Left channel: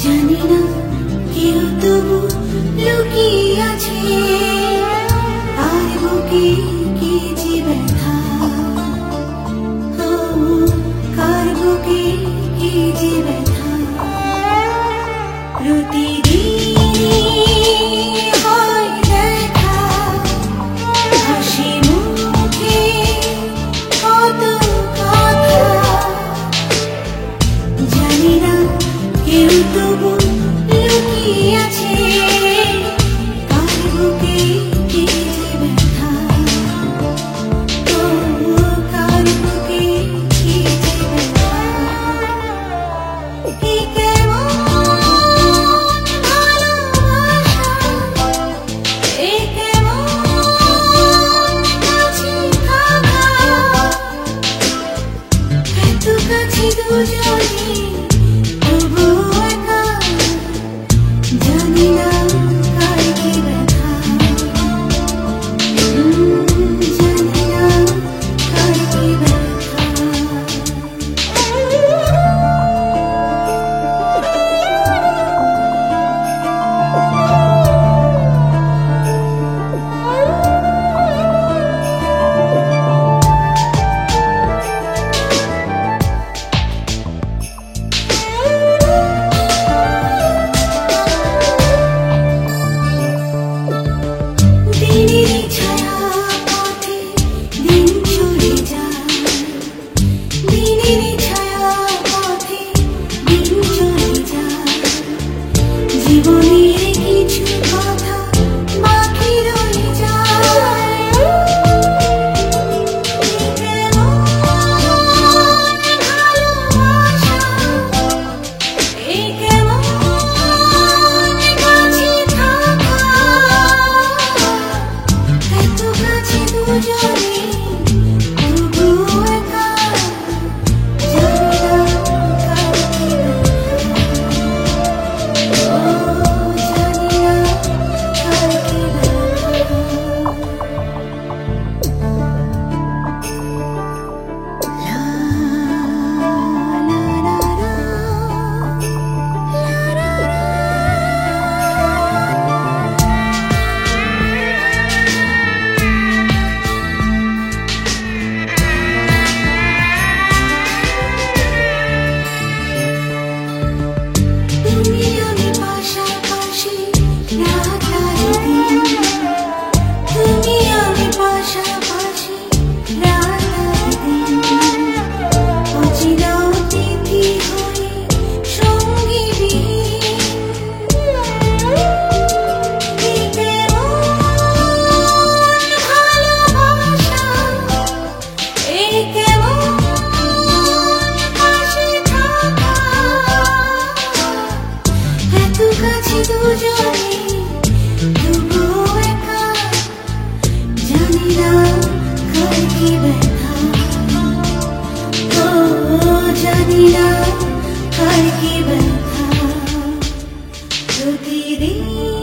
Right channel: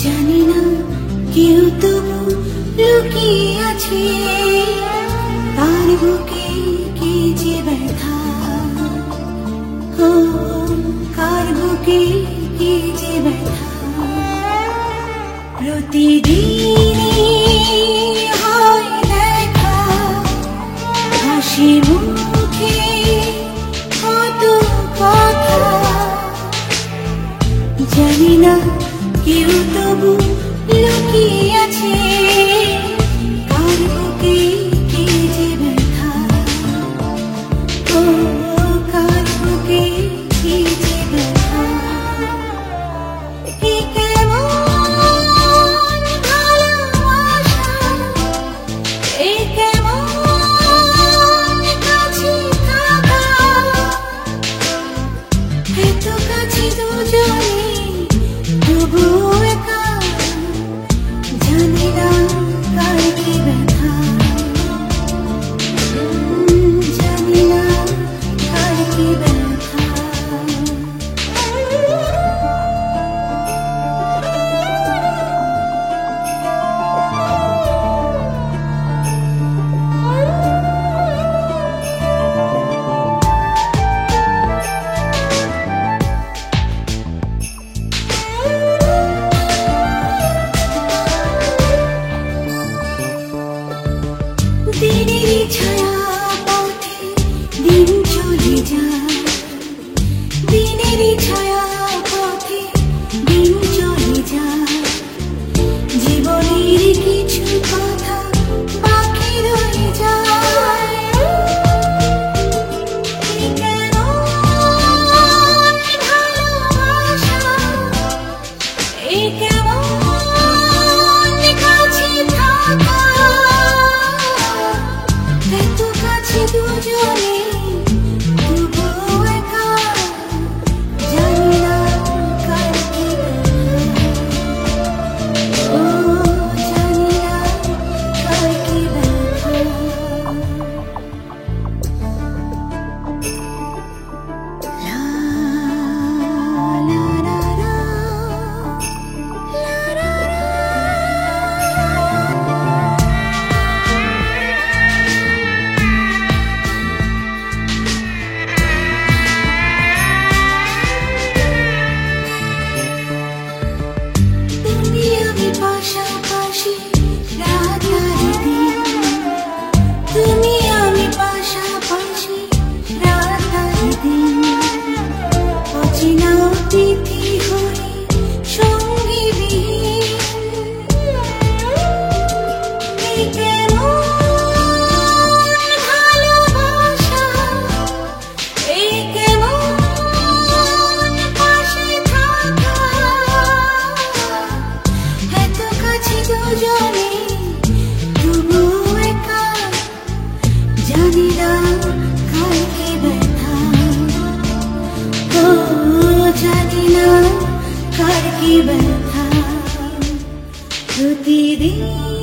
জানি না কেউ তবু লুকিয়ে আছে তার বুকে কি যে ব্যথা, ও কার বুকে কি যে ব্যথা। প্রতিদিনই হয় দেখা, হাসি মুখে কত কথা। জানি না কেউ তবু লুকিয়ে আছে কার বুকে কি যে ব্যথা, ও কার বুকে কি যে ব্যথা। কি কেমন ভালোবাসা, এই কেমন কাছে থাকা, এত কাছে দুজনে তবু একা। জানি না কার কি ব্যথা, জানি না কার কি ব্যথা। দিনেরই ছায়া পথে দিন চলে যায়, দিনেরই ছায়া পথে দিন চলে যায়। জীবনের কিছু কথা বাকি রয়ে যায়। কি কেমন ভালোবাসা, এই কেমন কাছে থাকা, এত কাছে দুজনে তবু একা। জানি না কার কি ব্যথা, ও জানি না কার কি ব্যথা। লা লা লা লা, লা লা লা। তুমি আমি পাশাপাশি রাত আর দিন, তুমি আমি পাশাপাশি রাত আর দিন। অচেনা অতিথি হয়ে সঙ্গী বিহীন। কি কেমন ভালোবাসা, এই কেমন পাশে থাকা, এত কাছে দুজনে তবু একা। জানি না কার কি ব্যথা, ও জানি না কার কি ব্যথা। প্রতিদিন